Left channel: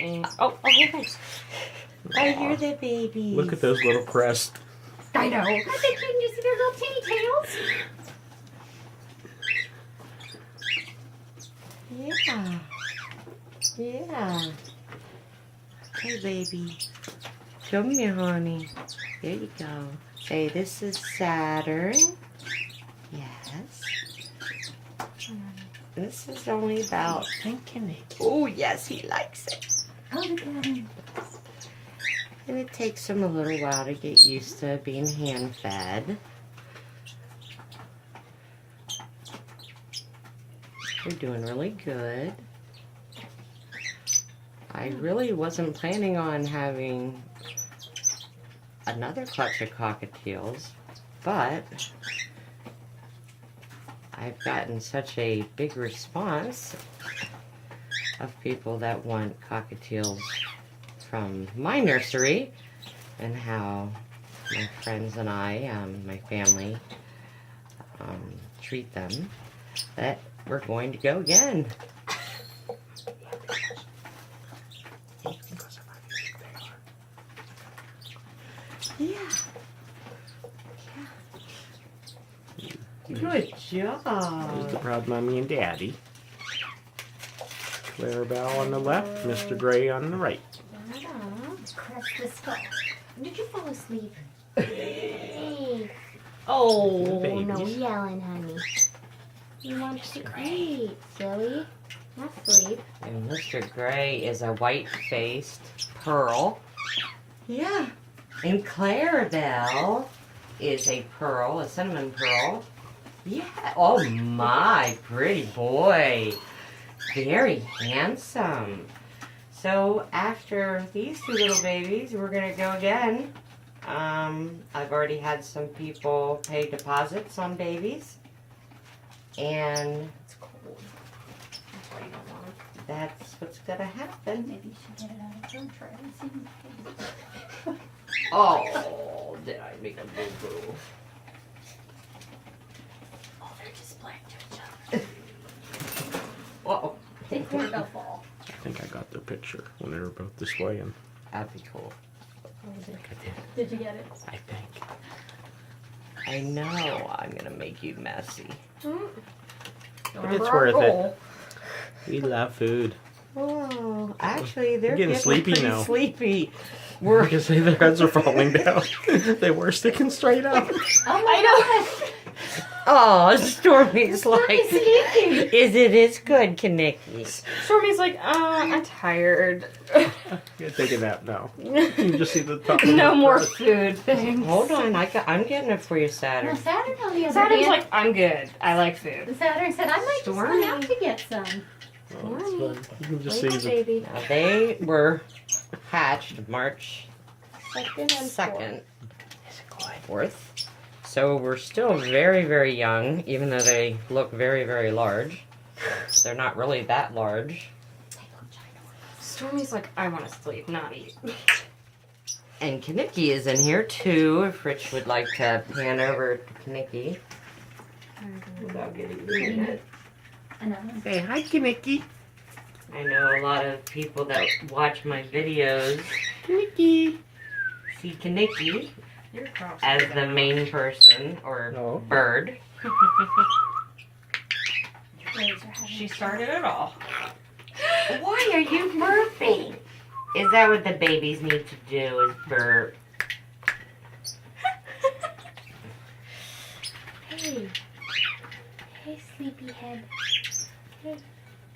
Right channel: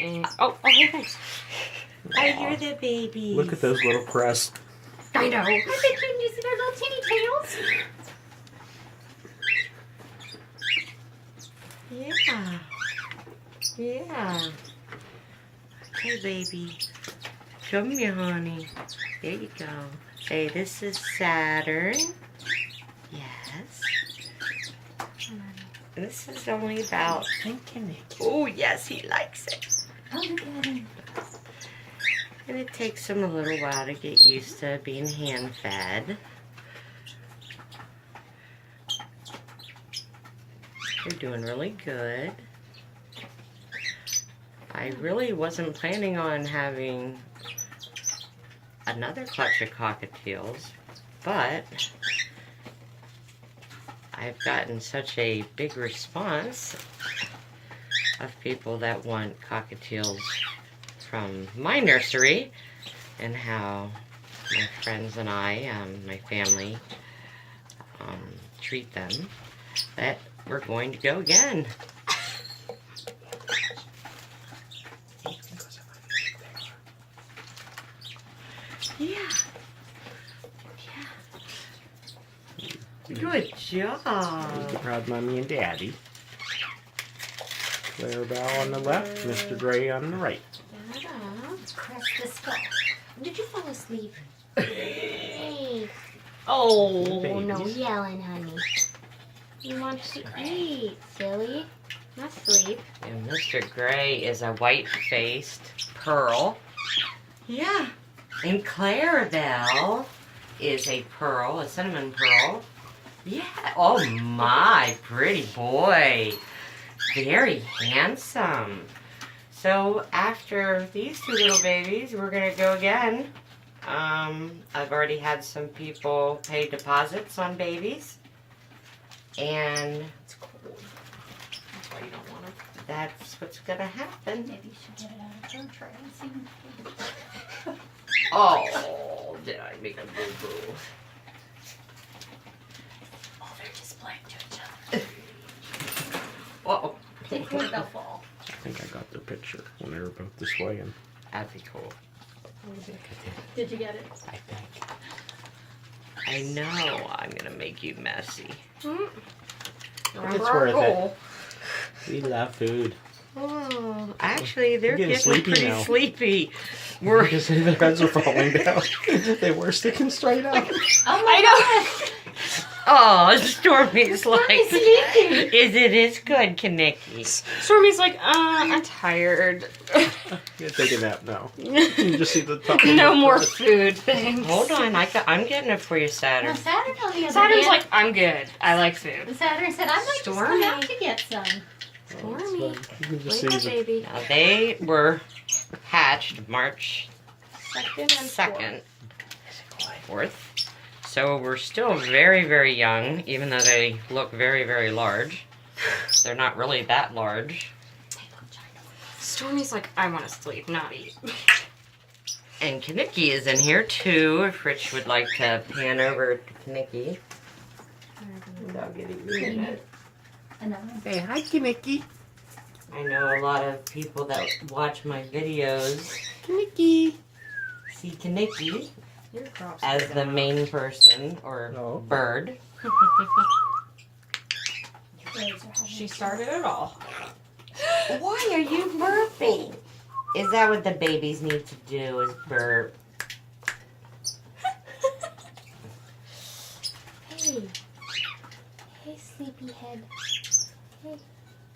And, oh, hey. I hear the babies. Look at those little crests. I know. Aren't they cute? You see their little teeny tails? Yeah. Yeah. Okay, baby. Come here, honey. There you go. Say, this is Saturn. Yes. This is only about... Oh, yes, he likes it. Oh, look at him. And it takes him a little while to get used to being hand-fed. We're doing really good. I really wasn't planning on having another clutch of cockatiels, but I've gotten such a big response of people that want cockatiels from my nursery, and how my friends and I, my family, treat them, that we're going to go again. Yeah. Good job. There's the proud mommy and daddy. Clarabelle on the left, Mr. Gray on the right. Press the skull. Did you fall asleep? Hey. Oh, Babies. No yelling, honey. You want to eat, silly. Not sleep. and Mr. Gray is a white-faced pearl. Yeah. And Clarabelle is a pearl, a cinnamon pearl. Yeah. Oh my, pretty boy. Very handsome. So after these two little babies, we're gonna go again. I've already had some people pay deposits on babies. And It's cold. That's why you don't want it. that's what's gonna happen. Maybe you should get it out of her tray and see. Oh, did I make a boo-boo? Oh, they're just playing to each other. Uh-oh. They think they'll fall. I think I got their picture when they were both displaying. That'd be cool. Did you get it? I think. I know I'm gonna make you messy. But it's worth it. We love food. Oh, actually, they're getting getting sleepy pretty now. sleepy. We're gonna say their heads are falling down. They were sticking straight up. Oh my gosh! Oh, Stormy's like, Stormy's sleeping. It's good, Kaneki. Stormy's like, I'm tired. You're taking a nap now. You can just see the top. No of more the crust. food, thanks. Hold on, I'm getting it for you, No, Saturn. Saturn on the other Saturn's hand. like, I'm good. I like food. Saturn said, I might just Stormy. come out to get some. Oh, that's fun. You can just see Like a the baby. Now, they were hatched March Second and 2nd, 4th. So we're still very, very young, even though they look very, very large. They're not really that large. Stormy's like, I want to sleep, not eat. And Kaneki is in here too, if Rich would like to pan over to Kaneki. Without getting in it. Another. Say hi, Kaneki. I know a lot of people that watch my videos Kaneki. see Kaneki as the main person or Oh. bird. She started it all. Why are you burping? Is that what the babies need to do, is burp? Hey. Hey, sleepyhead.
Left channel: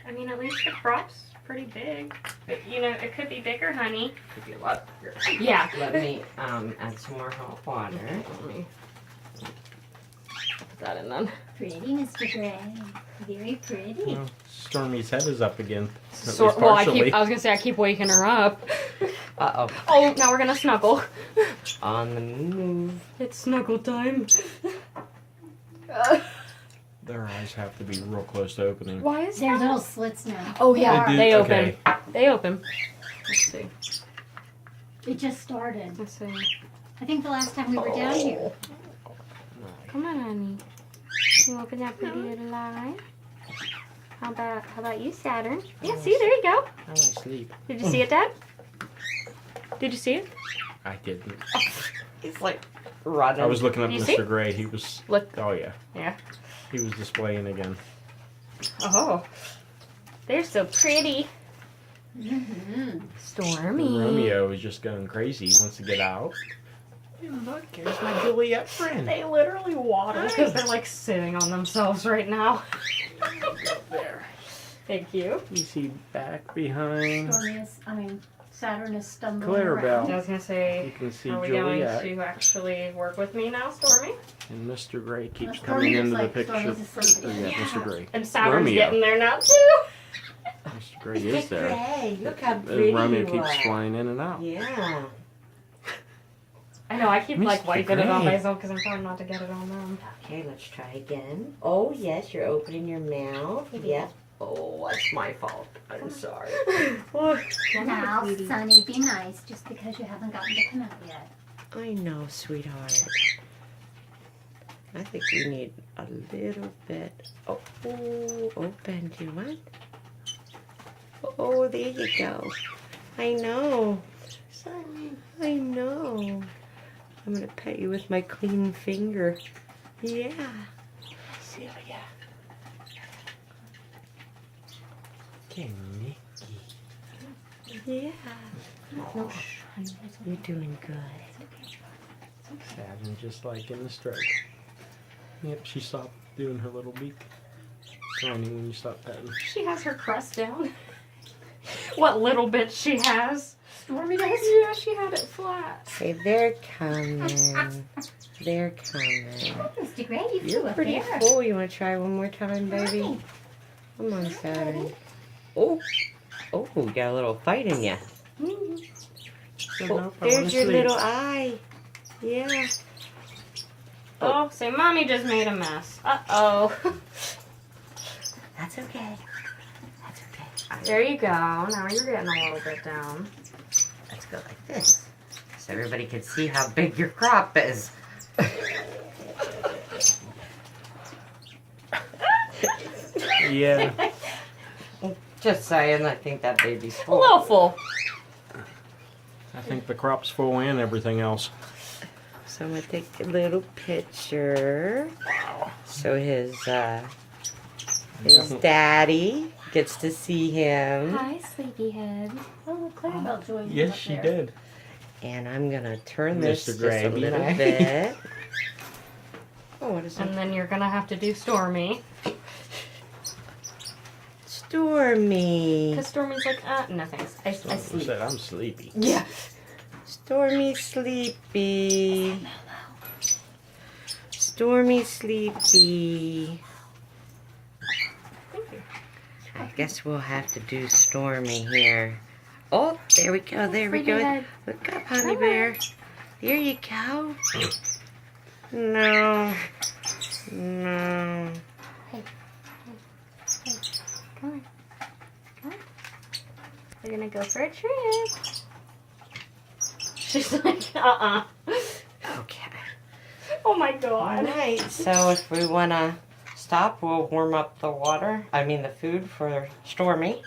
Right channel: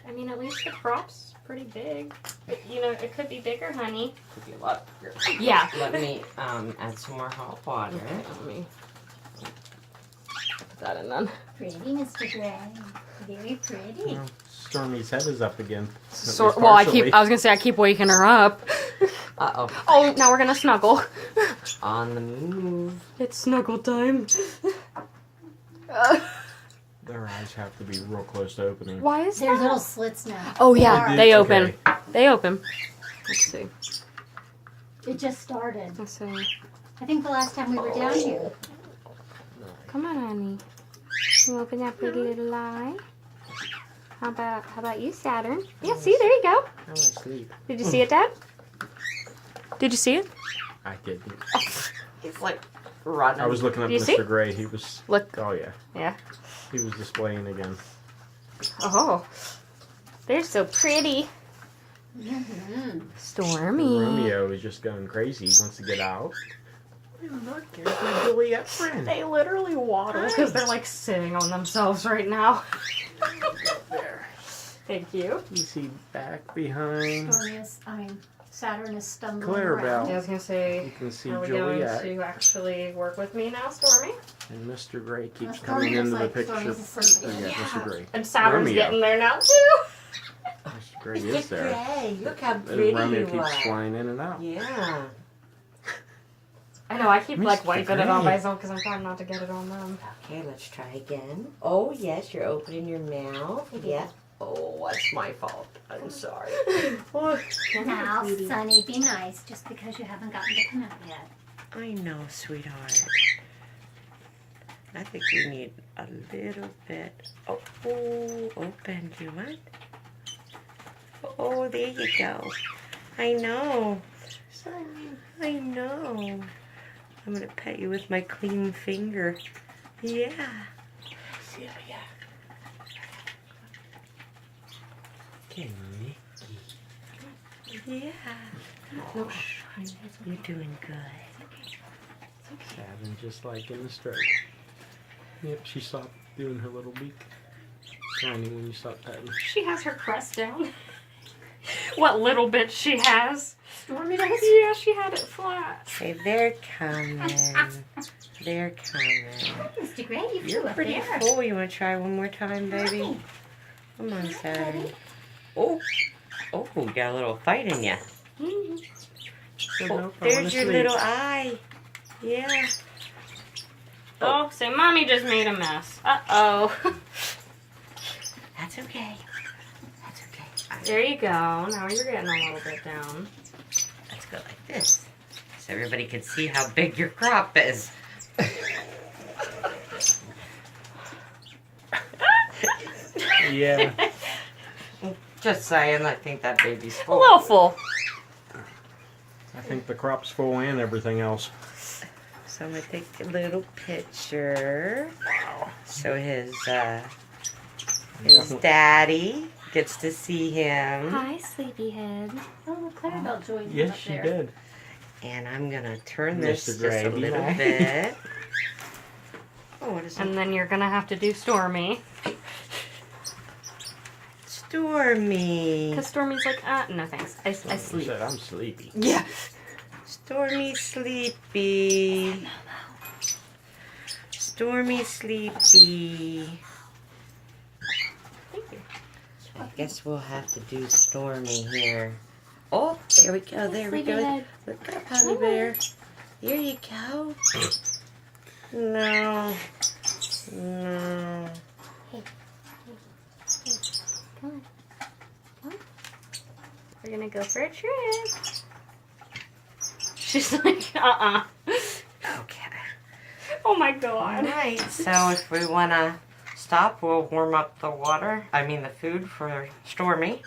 I mean, at least the crop's pretty big. But, you know, it could be bigger, honey. Could be a lot bigger. Yeah. Let me add some more hot water. Let me put that in then. Pretty, Mr. Gray. Very pretty. Well, Stormy's head is up again. At So, least well, partially. I was gonna say I keep waking her up. Uh-oh. Oh, now we're gonna snuggle. On the move. It's snuggle time. Their eyes have to be real close to opening. Why is There's that? little slits now. Oh yeah, They do- they open. okay. They open. Let's see. It just started. Let's see. I think the last time we were down here. Come on, honey. Can you open that pretty little eye? How about you, Saturn? Yeah, see, there you go. I want to sleep. Did you see it, Dad? Did you see it? I didn't. He's like running. I was looking at You see? Mr. Gray. He was. Look. Oh yeah. Yeah. He was displaying again. Oh, they're so pretty. Stormy. Romeo is just going crazy. He wants to get out. And look, here's my Juliet friend. They literally waddle because they're like sitting on themselves right now. There. Thank you. You see back behind. Saturn is stumbling Clarabelle. I was gonna say, You can see are we Juliet. going to actually work with me now, Stormy? And Mr. Gray keeps Mr. coming Gray's into the like picture. Stormy's asleep. Oh, yeah, Mr. Gray. And Saturn's Romeo. getting there now too. Mr. Gray is there. Hey, look how And pretty Romeo you keeps are. flying in and out. Yeah. I know, I keep like Mr. wiping it on Gray. myself because I'm trying not to get it on them. Okay, let's try again. Oh, yes, you're opening your mouth. Yes. Oh, that's my fault. I'm sorry. Now, Sonny, be nice just because you haven't gotten to come out yet. I know, sweetheart. I think you need a little bit. Oh, open. Do you want? Oh, there you go. I know. I know. I'm going to pet you with my clean finger. Yeah. Celia. Okay, Nikki. Yeah. Oh, you're doing good. Saturn just like in the stroke. Yep, she stopped doing her little beak. Grinding when you stop petting. She has her crest down. What little bit she has. Stormy does? Yeah, she had it flat. Hey, they're coming. They're coming. Mr. Gray, you You're flew up pretty there. full. You want to try one more time, baby? Come on, Saturn. Oh, we got a little fight in you. So Oh, nope, I want there's to your sleep. little eye. Yeah. Oh, say mommy just made a mess. Uh-oh. That's okay. That's okay. There you go. Now you're getting a little bit down. Let's go like this, so everybody can see how big your crop is. Yeah. Just saying, I think that baby's A full. little full. I think the crop's full and everything else. So I'm gonna take a little picture. So his daddy gets to see him. Hi, sleepyhead. Oh, look, Clarabelle joined Yes, up she there. did. And I'm gonna turn this Mr. just Gray, a be little nice. bit. Oh, what is that? And then you're gonna have to do Stormy. Stormy. Because Stormy's like, no thanks. I She sleep. said, I'm sleepy. Yeah. Stormy sleepy. Stormy sleepy. Thank you. I guess we'll have to do Stormy here. Oh, there we go. There we go. Sleepyhead. Look up, honey bear. There you go. No. No. Come on. Come on. We're gonna go for a trip. She's like, Okay. Oh my All god. right. So if we want to stop, we'll warm up the water. I mean the food for Stormy.